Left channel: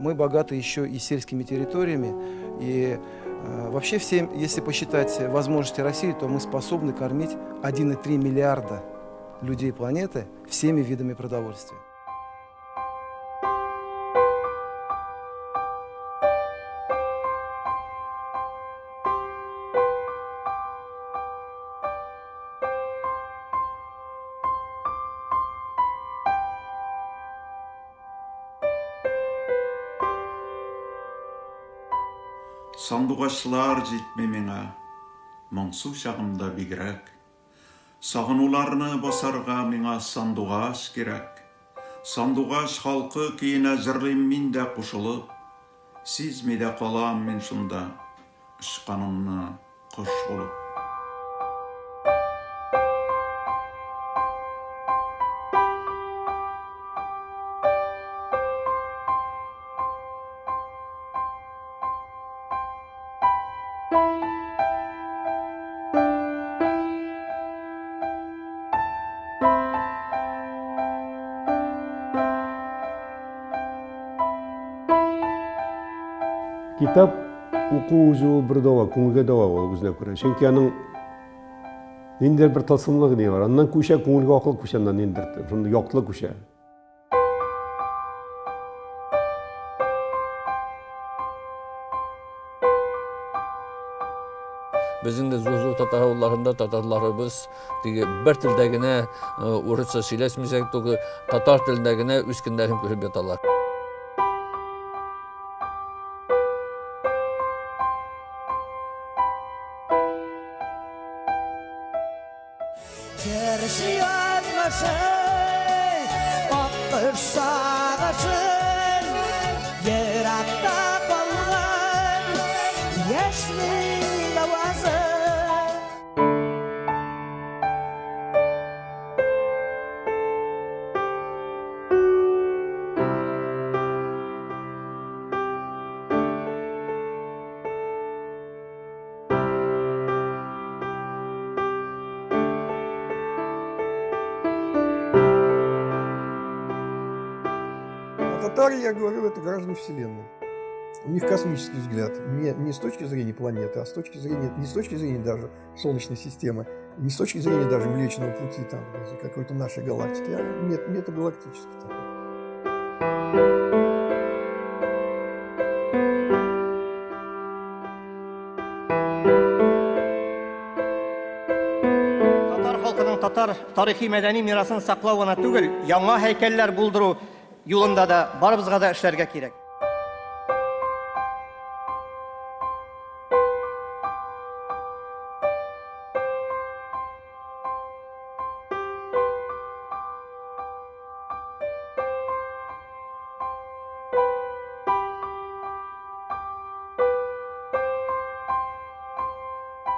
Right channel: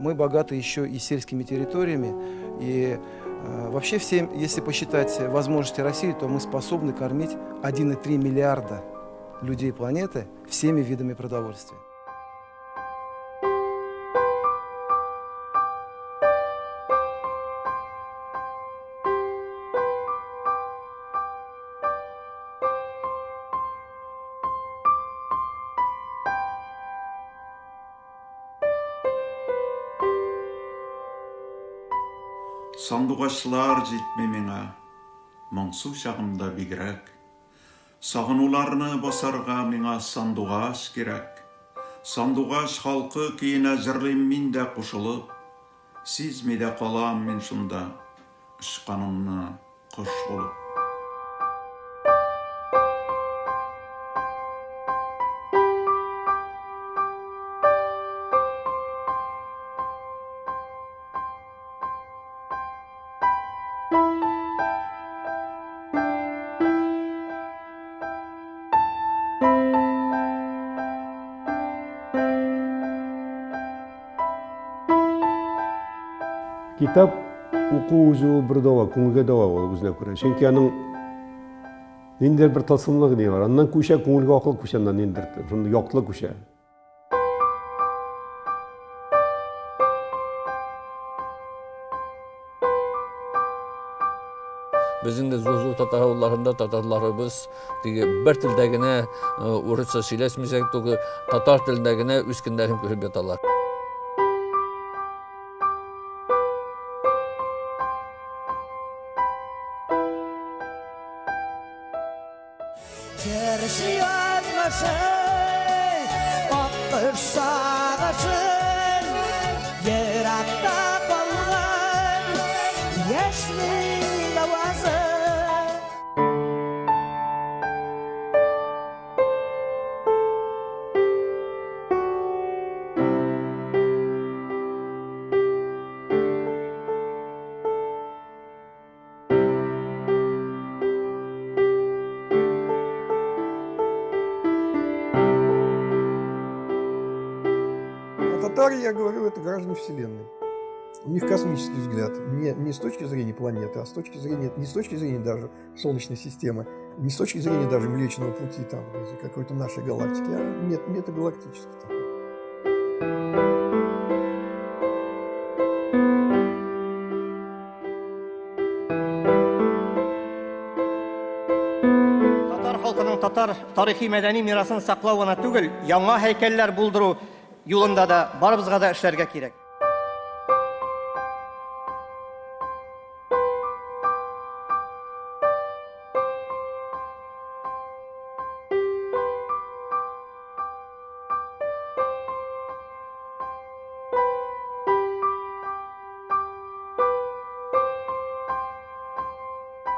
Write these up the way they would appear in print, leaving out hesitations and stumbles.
Мы богаты еще и сельскими территориями. И вообще всем, если посчитать возможности России, то мы способны кормить 1,3 миллиарда людей планеты всеми видами продовольствия. Сандуғашылар жетме меңа, мұңсу шағымда бигірәк. Сағынуларны басарға меңа сандуғаш керек. Сандуғаш халқы кейіне жырлым мен де қушылып, сезмеде қалам мен шында, ұшқанымны құш болып. Kitap okuucu bir dava, көңілге дава ол өзіне көре. Çünkü аның нендер бір тылсымлығы не бар. Аннан көше көңілге ақыл көше, аннан нендер. Сонда яқтылы көше. Біздің де зу-зу татарларында татарларыбыз бір тілдегіне орысша сөйлесмесек, татар тілдегіне үскіндерін көріп жаталар. Gerisi yazmasın, bakır sağasın, yaratta kalan yaşlı lavazın. Татары, я говорю, это граждане Вселенной. У них космический взгляд, не с точки зрения планеты, а с точки зрения, не с точки зрения даже Солнечной системы, не с точки зрения даже Млечного Пути, там, какой-то нашей галактики, а метагалактический такой. Татар халкының татар тарихи мәдәни мирасын саклау гына түгел, яңа һәйкәлләр булдыру юлында да барыбызга да эшләргә кирәк.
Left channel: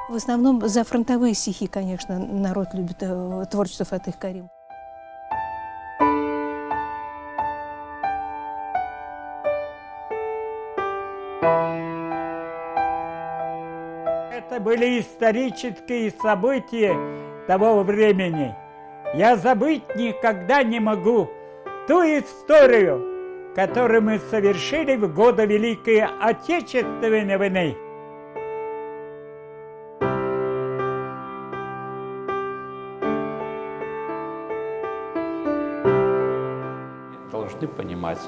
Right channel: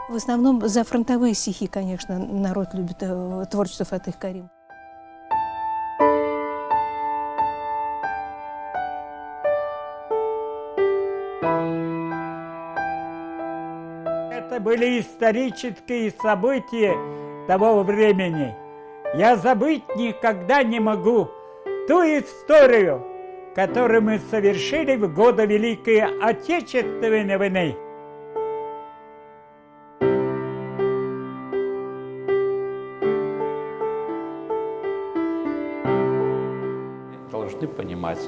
В основном за фронтовые стихи, конечно, народ любит творчество Фатых Карим. Это были исторические события того времени. Я забыть никогда не могу ту историю, которую мы совершили в годы Великой Отечественной войны. Должны понимать,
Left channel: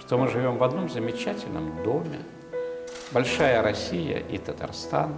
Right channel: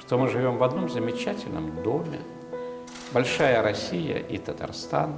что мы живем в одном замечательном доме. Большая Россия и Татарстан.